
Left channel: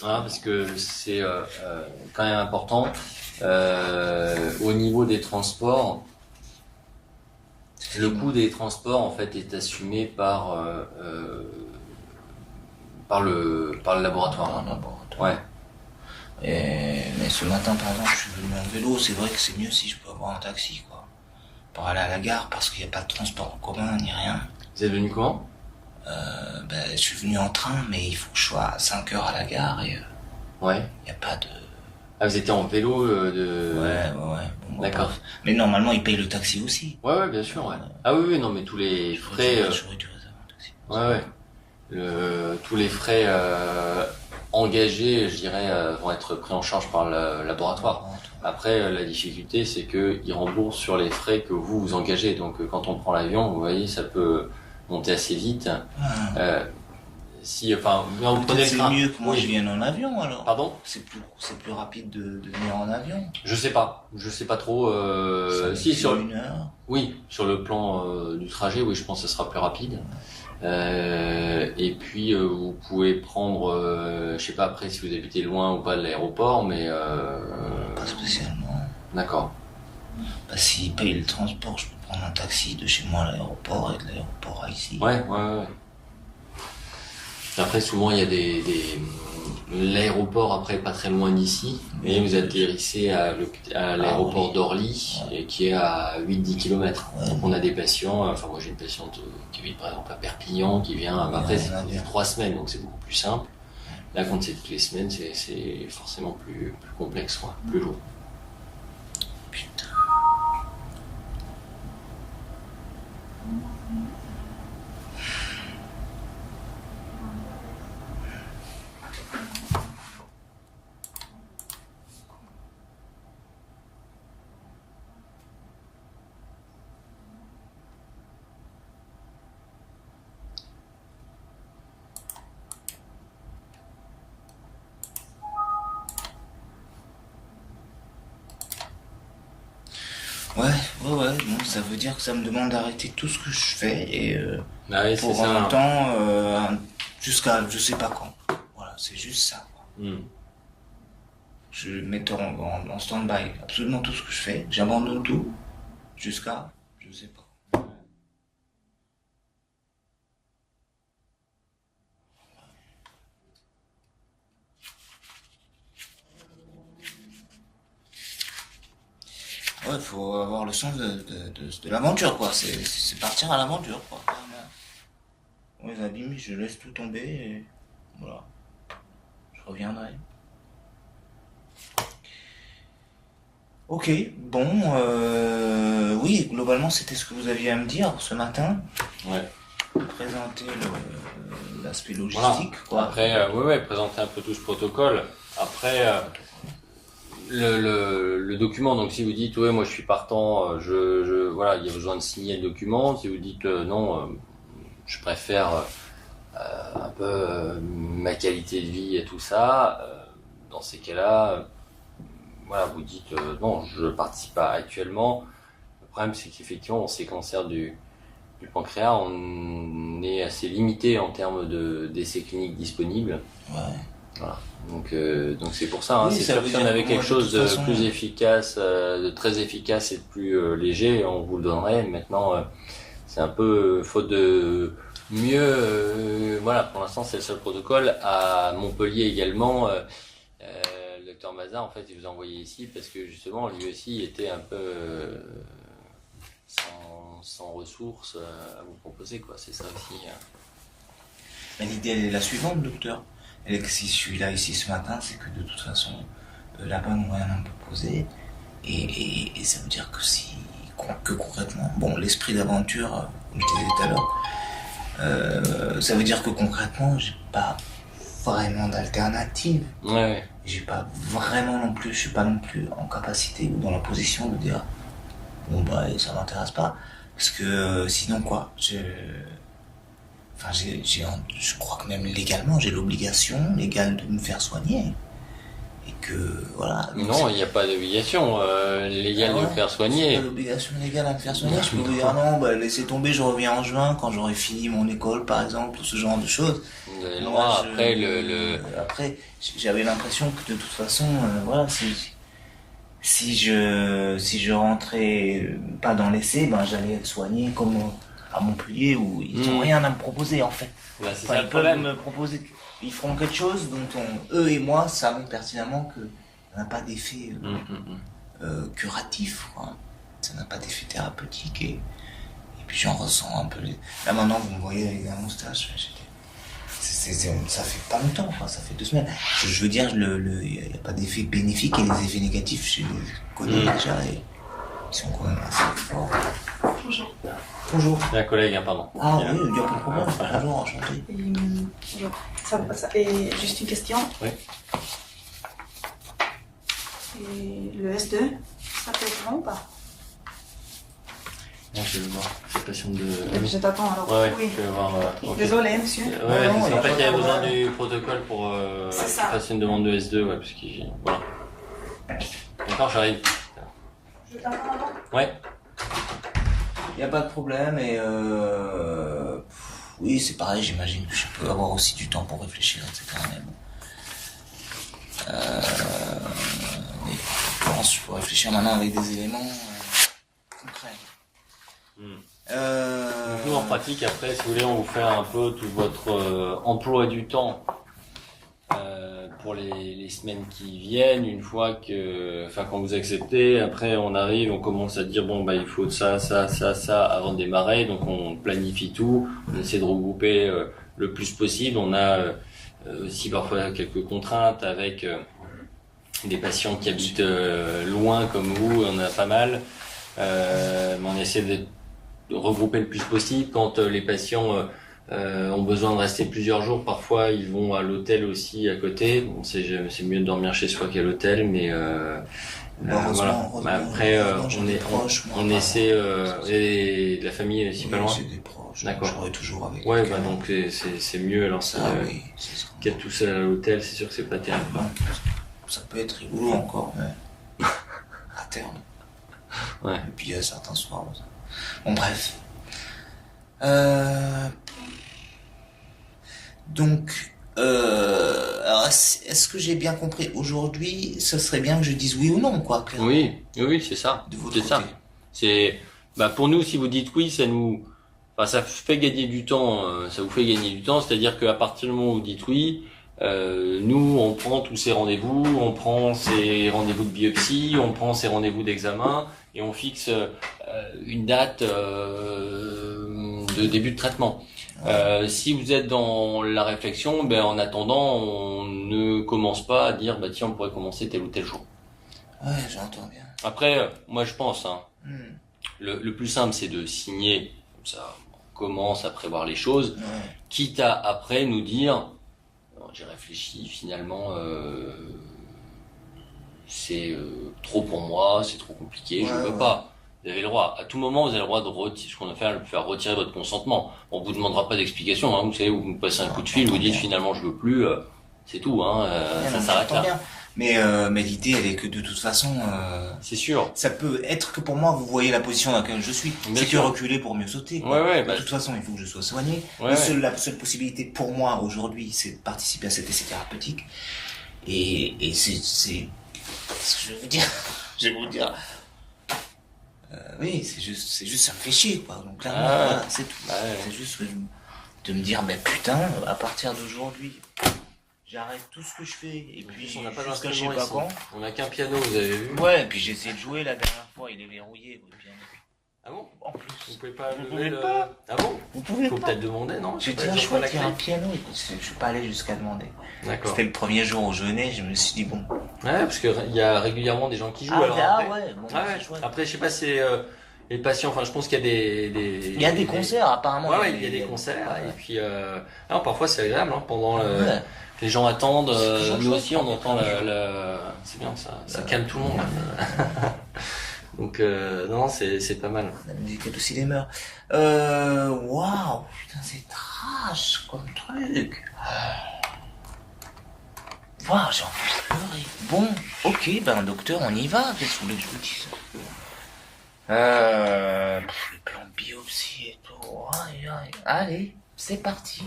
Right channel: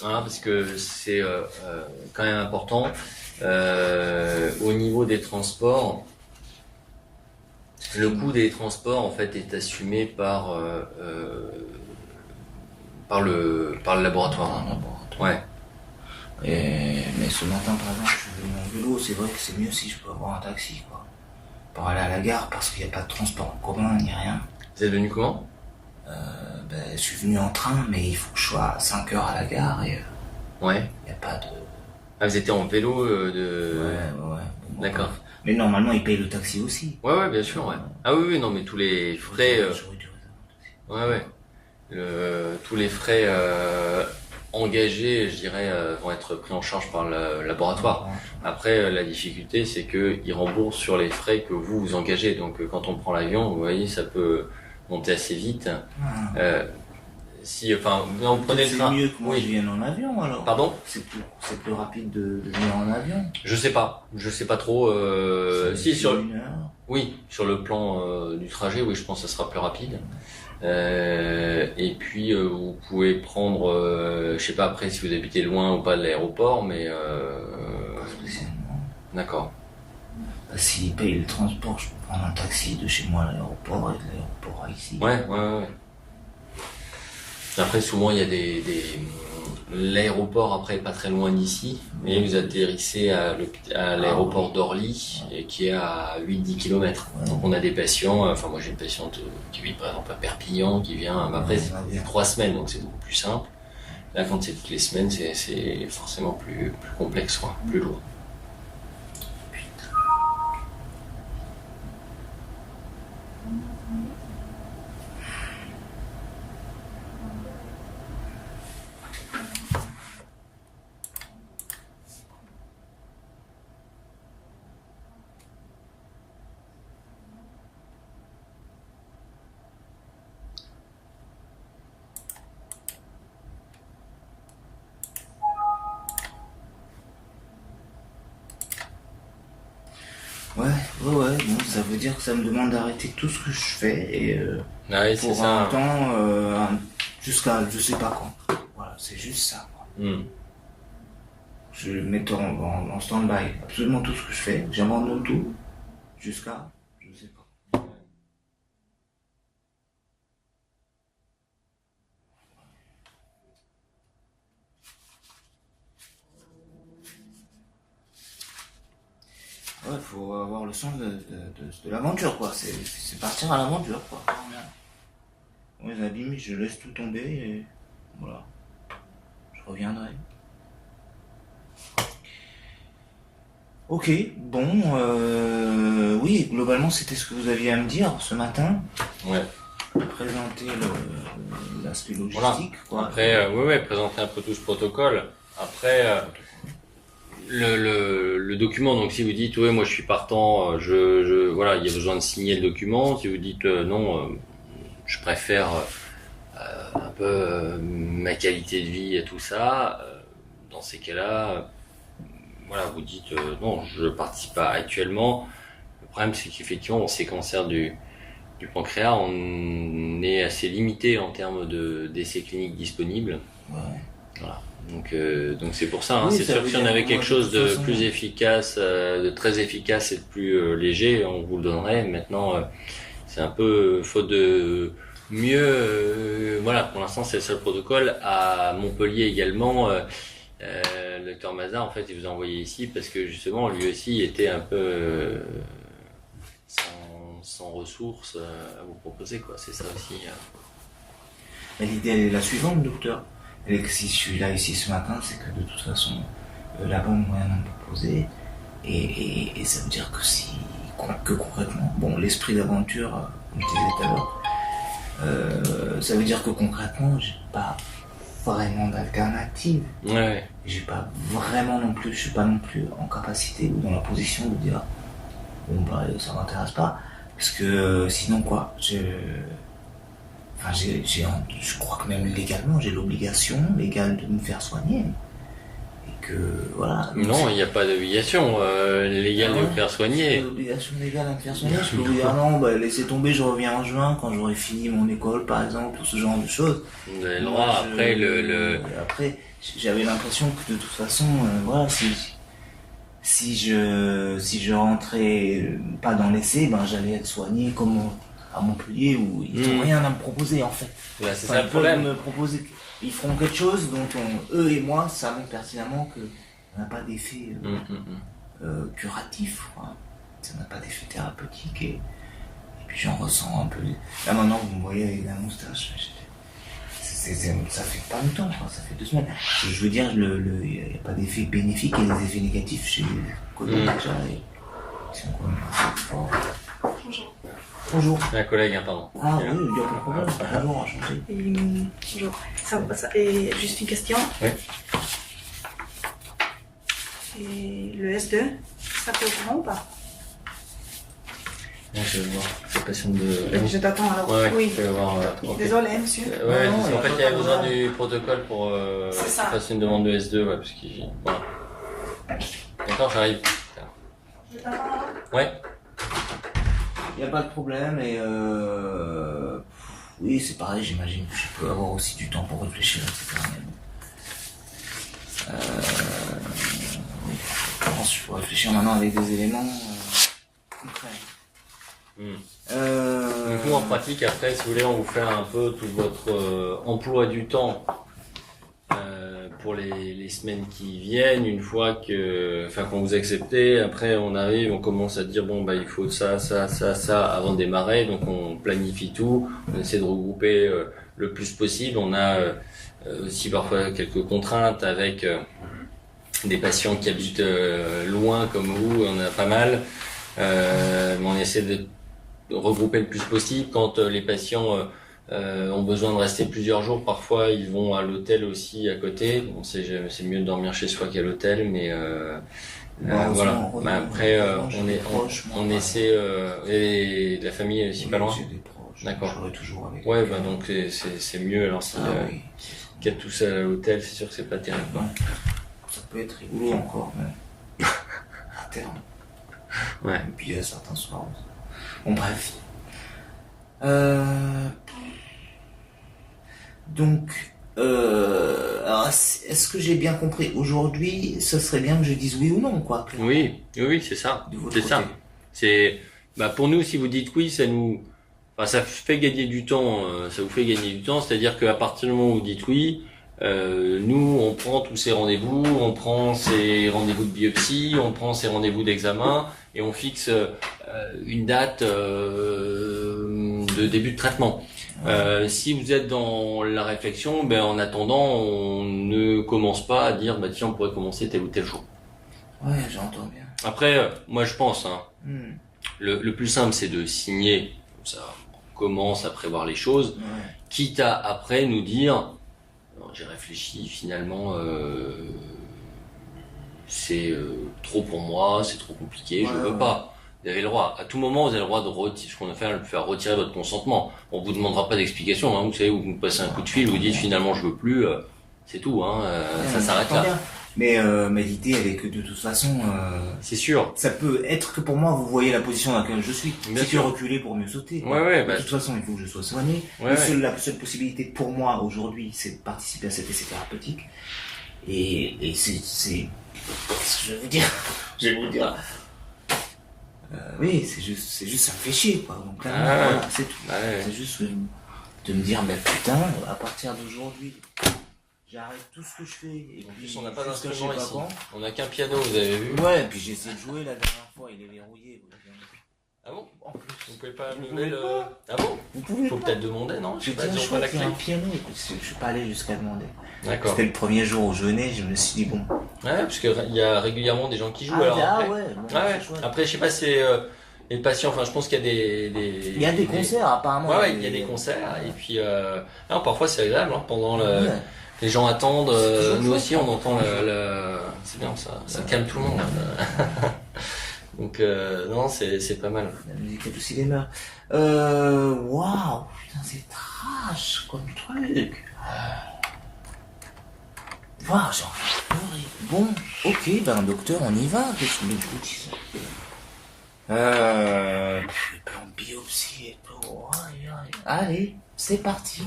parce que c'est quand même important, au niveau des transports, le coût des transports, en fait, est assumé par le laboratoire. Ouais. Mais ce matin, par exemple, je suis venu en vélo. C'est vrai que c'est mieux si je peux avoir un taxi, quoi, pour aller à la gare, parce qu'il n'y a pas de transport en commun ni rien. Vous êtes venu comment? Je suis venu en train, mais il faut que je sois à 5 heures à la gare et ouais. Il n'y a pas de... Ah, vous étiez en vélo Ouais. Bon, d'accord. Mais normalement, ils payent le taxi aussi. Ouais, bien sûr, ouais. Ah oui, non, mais tous les frais... J'aurais dû réserver un taxi. Ouais. Tous les frais engagés, je dirais, vont être pris en charge par le laboratoire. Après, la difficulté, c'est qu'ils remboursent sur les frais que vous engagez. Donc, quand on prend l'avion, vous voyez, ça peut monter assez vite. Vous prenez le train. C'est mieux que moi je vienne en avion, alors. Pardon? C'est plus rapide de venir en avion. Je sais pas trop. Sur 1 heure. Oui, sur le plan du trajet, oui, je pense que ça sera plus rapide. Et puis vous pouvez prendre, je sais pas après si vous habitez loin ou pas de l'aéroport, mais pas spécialement. D'accord. S'ils payent le transport, je peux prendre un taxi de chez moi à l'aéroport et de l'aéroport à ici. Ouais. Après, souvent, il y a l'aéroport, après, pas très loin d'ici, mais vous atterrissez à l'aéroport d'Orly, qui est à 8-10 km. Ouais. Donc, on a des patients, moi, j'ai une patiente qui vit, par exemple, à Perpignan, qui vient, après, c'est 3 semaines, donc c'est beaucoup plus simple. Là, quand c'est toutes les semaines, c'est forcément plus complexe, quoi, plus lourd. Putain. Ouais, bon, ça veut dire que ça me demande d'arrêter tout ce que je fais et Ah oui, c'est pour ça. un temps jusqu'à je sais pas quand. Voilà, c'est juste ça, quoi. Hmm. Je mets en stand-by absolument tout ce que je fais, j'abandonne tout jusqu'à je sais pas. Ouais, faut avoir le sens de l'aventure, quoi. C'est partir à l'aventure, quoi. Mes abîmes, je laisse tout tomber et voilà. Je reviendrai. Ok, bon, oui, globalement, c'était ce que vous aviez à me dire ce matin. Ouais. Présenter l'aspect logistique, Voilà. quoi. Après, oui, présenter un peu tout ce protocole. Après, le document, donc si vous dites, ouais, moi je suis partant, voilà, il y a besoin de signer le document. Si vous dites, non, je préfère un peu ma qualité de vie et tout ça, dans ces cas-là, voilà, vous dites, non, je participe pas actuellement. Le problème, c'est qu'effectivement, ces cancers du pancréas, on est assez limité en termes d'essais cliniques disponibles. Ouais. Voilà. Donc c'est pour ça. Hein. Oui, C'est ça sûr veut que si on dire avait que quelque moi, de chose toute de façon, plus efficace, de très efficace et de plus léger, on vous le donnerait. Maintenant, c'est un peu faute de mieux. Voilà, pour l'instant, c'est le seul protocole. À Montpellier également, le docteur Mazar, en fait, il vous a envoyé ici parce que justement, lui aussi était un peu sans ressources à vous proposer, quoi. C'est ça aussi. Mais l'idée elle est la suivante, docteur. Et que si je suis là ici ce matin, c'est que de toute façon, là-bas, on m'a rien proposé. Et ça veut dire que concrètement, bon, l'esprit d'aventure, comme je disais tout à l'heure, ça veut dire que concrètement, j'ai pas vraiment d'alternative. Ouais. J'ai pas vraiment non plus, je suis pas non plus en capacité ou dans la position de dire, bon bah, ça m'intéresse pas. Parce que sinon, quoi, je crois que même légalement, j'ai l'obligation légale de me faire soigner. Et que, voilà. Non, il n'y a pas d'obligation légale de vous faire soigner. C'est pas l'obligation légale à me faire soigner. Je peux vous dire non, bah, laissez tomber, je reviens en juin quand j'aurai fini mon école, par exemple, ou ce genre de choses. Vous avez le droit, après Après, j'avais l'impression que de toute façon, voilà, si je rentrais pas dans l'essai, ben j'allais être soigné comme à Montpellier où ils n'ont rien à me proposer en fait. Ouais, c'est Enfin, ça ils le peuvent problème. me proposer, ils feront quelque chose dont eux et moi savons pertinemment que ça n'a pas d'effet curatif, quoi. Ça n'a pas d'effet thérapeutique et puis j'en ressens un peu. Là maintenant vous me voyez avec la moustache. Ça fait pas longtemps, quoi, ça fait 2 semaines. Je veux dire, il n'y a pas d'effet bénéfique et les effets négatifs, je les connais déjà et ils sont quand même assez forts. Bonjour. Bonjour. C'est un collègue, hein, pardon. Ah oui, il n'y a pas de problème. Bonjour, enchanté. Bonjour. Et juste une question. Oui. Et le S2, ça peut être bon ou pas? Je vais voir. Je patiente de. Je t'attends alors. Ouais, Oui. je vais voir. Ok. Désolé, monsieur. Ouais, parce qu'en fait, il y avait besoin du protocole pour que C'est je ça. fasse une demande de S2, ouais, parce que voilà. D'accord, j'arrive. Je t'attends alors. Ouais. Il n'y a pas de problème et oui, c'est pareil, j'imagine que je peux avoir aussi du temps pour réfléchir, etc. Mais je pense que je peux réfléchir maintenant avec des éléments concrets. Donc nous en pratique, après, si vous voulez, on vous fait un peu tout votre emploi du temps pour les semaines qui viennent. Une fois que, enfin, quand vous acceptez, après on arrive, on commence à dire bon bah il faut ça avant de démarrer. Donc on planifie tout, on essaie de regrouper le plus possible. On a aussi parfois quelques contraintes avec des patients qui habitent loin comme vous, on a pas mal. Mais on essaie de regrouper le plus possible. Quand les patients ont besoin de rester plusieurs jours, parfois ils vont à l'hôtel aussi à côté. Bon, c'est mieux de dormir chez soi qu'à l'hôtel, mais voilà. Après, on essaie. Et de la famille aussi pas loin. J'ai des proches. D'accord. J'aurai toujours avec. Ouais, bah donc c'est mieux. Alors si Oui, c'est ça. qu'être tout seul à l'hôtel, c'est sûr que c'est pas terrible, quoi. Ça peut être rigolo encore, mais à terme. Ouais. Et puis certains soirs. Bon, bref. Donc, alors, est-ce que j'ai bien compris? Aujourd'hui, ce serait bien que je dise oui ou non, quoi. clairement, Oui, c'est ça. de votre C'est côté. ça. C'est, pour nous, si vous dites oui, ça fait gagner du temps. Ça vous fait gagner du temps. C'est-à-dire qu'à partir du moment où vous dites oui, nous, on prend tous ces rendez-vous, on prend ces rendez-vous de biopsie, on prend ces rendez-vous d'examen et on fixe une date de début de traitement. Si vous êtes dans la réflexion, en attendant, on ne commence pas à dire tiens, on pourrait commencer tel ou tel jour. Ouais, j'entends bien. Après, moi je pense, Hmm. le plus simple c'est de signer, comme ça on commence à prévoir les choses, Ouais. quitte à après nous dire j'ai réfléchi, finalement c'est trop pour moi, c'est trop compliqué, je veux pas. Vous avez le droit, à tout moment vous avez le droit de faire retirer votre consentement. On vous demandera pas d'explication, vous savez, vous nous passez un coup de fil, vous dites finalement je veux plus, c'est tout, ça s'arrête là. Bien. Mais l'idée, elle est que de toute façon, C'est sûr. ça peut être que pour moi, vous voyez la position dans laquelle je suis. Bien C'est que sûr. reculer pour mieux sauter. Quoi. Ouais, De toute façon, il faut que je sois soigné. La seule possibilité pour moi aujourd'hui, c'est de participer à cet essai thérapeutique. Et c'est... Qu'est-ce que je vais vous dire? Je vais vous dire... oui, c'est juste un fichier, quoi. Donc là, voilà, c'est tout. C'est juste de me dire, mais putain, à partir d'aujourd'hui... J'arrête tout ce que je fais. Et En puis, plus, on n'a pas jusqu'à d'instrument je sais ici. pas quand. On n'a qu'un piano, vous avez vu? Ouais, et puis j'ai essayé de jouer la dernière fois, il est verrouillé. Le piano. Ah bon? En plus. Vous pouvez pas Vous lever pouvez le... Ah bon? Vous pouvez Faut pas. peut-être demander, non? J'ai Je sais dit, pas, ils ont pas la il y a clé. un piano. Je suis pas allé jusqu'à demander. D'accord. C'était le premier jour où je venais, je me suis dit, bon. Ouais, parce que il y a régulièrement des gens qui jouent, alors après. ouais. Ouais. Après, je sais pas si les patients, enfin, je pense qu'il y a Il y a des concerts, apparemment. Ouais, il y a des concerts, et puis, non, parfois c'est agréable, pendant le... Ouais. Les gens attendent, toujours nous chouette. aussi on entend c'est bien ça calme tout le monde. Donc non, c'est pas mal. La musique est aussi des mœurs. Waouh, putain, c'est trash comme truc. Waouh, j'ai envie de pleurer. Bon, ok, docteur, on y va. Qu'est-ce que vous voulez que je vous dise? Les plans de biopsie et tout. Aïe, aïe. Allez, c'est parti.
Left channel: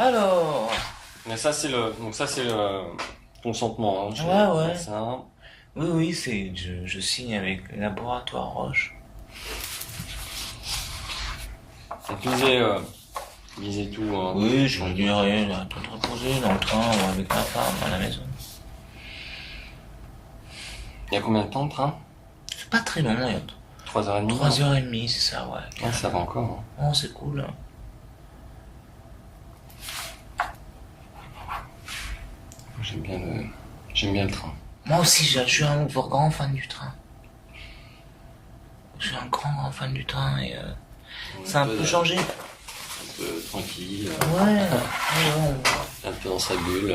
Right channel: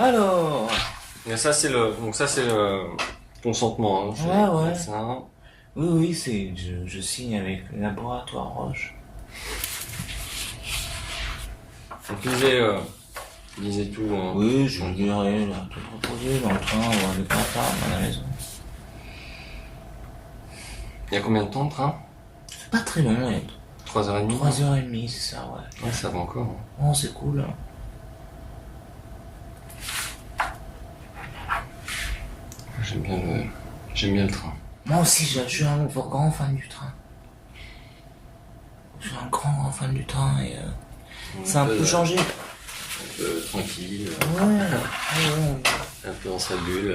Alors. Mais ça c'est le consentement. Ouais. Ça. Oui, je signe avec le laboratoire Roche. Donc lisez tout. Oui, je dis rien, tout reposer dans le train ou avec ma femme à la maison. Il y a combien de temps de train? C'est pas très long, il y a 3h30. 3h30, c'est ça, ouais. Ouais, ça va encore. Oh, c'est cool. Hein. J'aime bien le train. Moi aussi, je suis un grand fan du train. Je suis un grand fan du train et c'est un peu changé. Un peu tranquille. Ouais. Un peu dans sa bulle.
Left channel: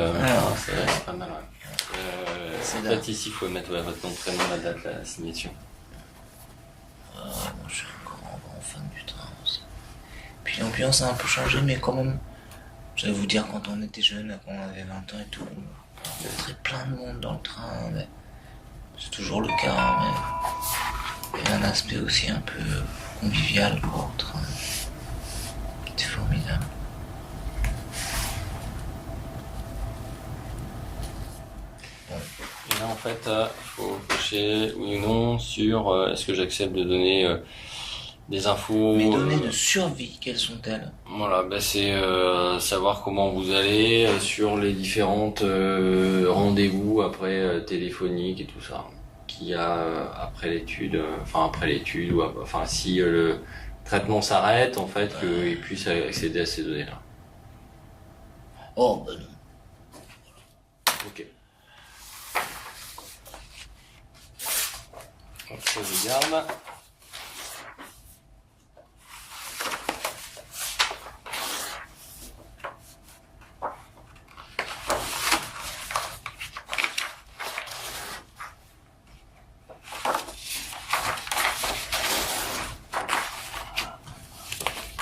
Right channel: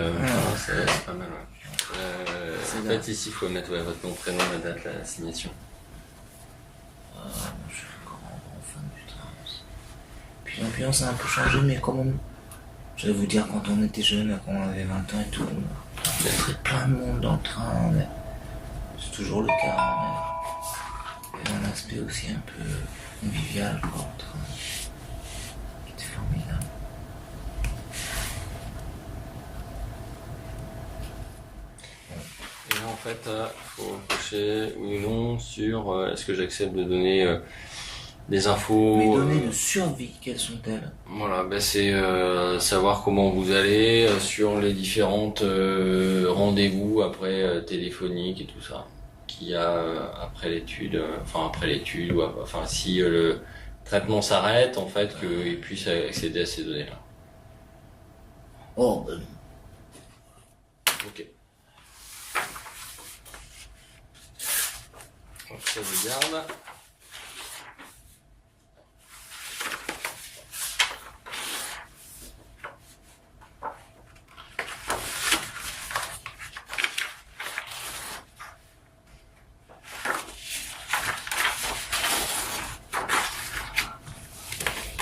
C'est pas mal, ouais. En fait, ici, il faut mettre votre nom, prénom, la date, la signation. Je suis un grand fan du train aussi. Puis l'ambiance a un peu changé, mais quand même, je vais vous dire, quand on était jeune, quand on avait 20 ans et tout, il y avait plein de monde dans le train, mais c'est toujours le cas, mais il y a un aspect aussi un peu convivial, quoi, au train. C'était formidable. Et là, en fait, il faut cocher oui ou non sur est-ce que j'accepte de donner des infos. Mes données de survie, quelles sont-elles? Voilà, c'est savoir comment vous allez sur les différentes rendez-vous après téléphoniques et tout ça qu'il y a après l'étude, ou si le traitement s'arrête, en fait, qu'ils puissent accéder à ces données-là. Oh, Ok. Donc ça, je garde.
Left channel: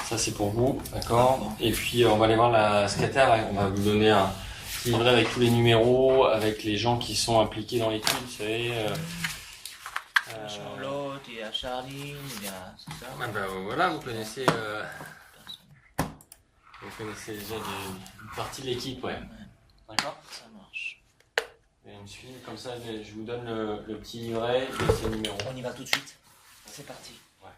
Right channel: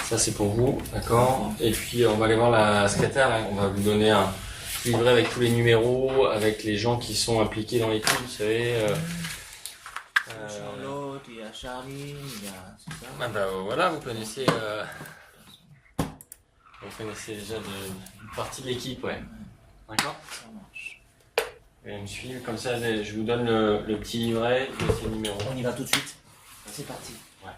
Ça c'est pour vous, d'accord. Et puis on va aller voir la secrétaire, là. On va vous donner petit livret avec tous les numéros, avec les gens qui sont impliqués dans l'équipe, vous savez. Charlotte, il y a Charlie, il y a... c'est ça Ah bah voilà, vous connaissez déjà une partie de l'équipe, ouais. D'accord. Ça marche. Et me suivre, comme ça je vous donne le petit livret et ces numéros. On y va tout de suite. C'est parti. Ouais.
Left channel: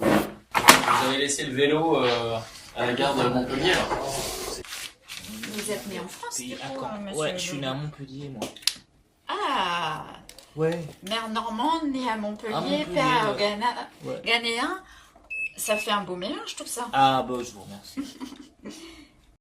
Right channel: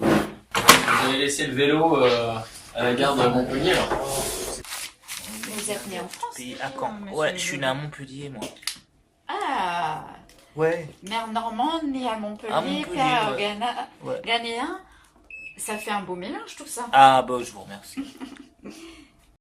Vous avez laissé le vélo à la gare de Montpellier là. Vous êtes né en France, Puis du à coup, Caen. monsieur Ouais, je suis né à Legault. Montpellier, moi. Ah, Ouais. mère normande, née à Montpellier, À Montpellier, père ouais. Ouais. ghanéen. Ça fait un beau mélange tout ça. Ah bah je vous remercie.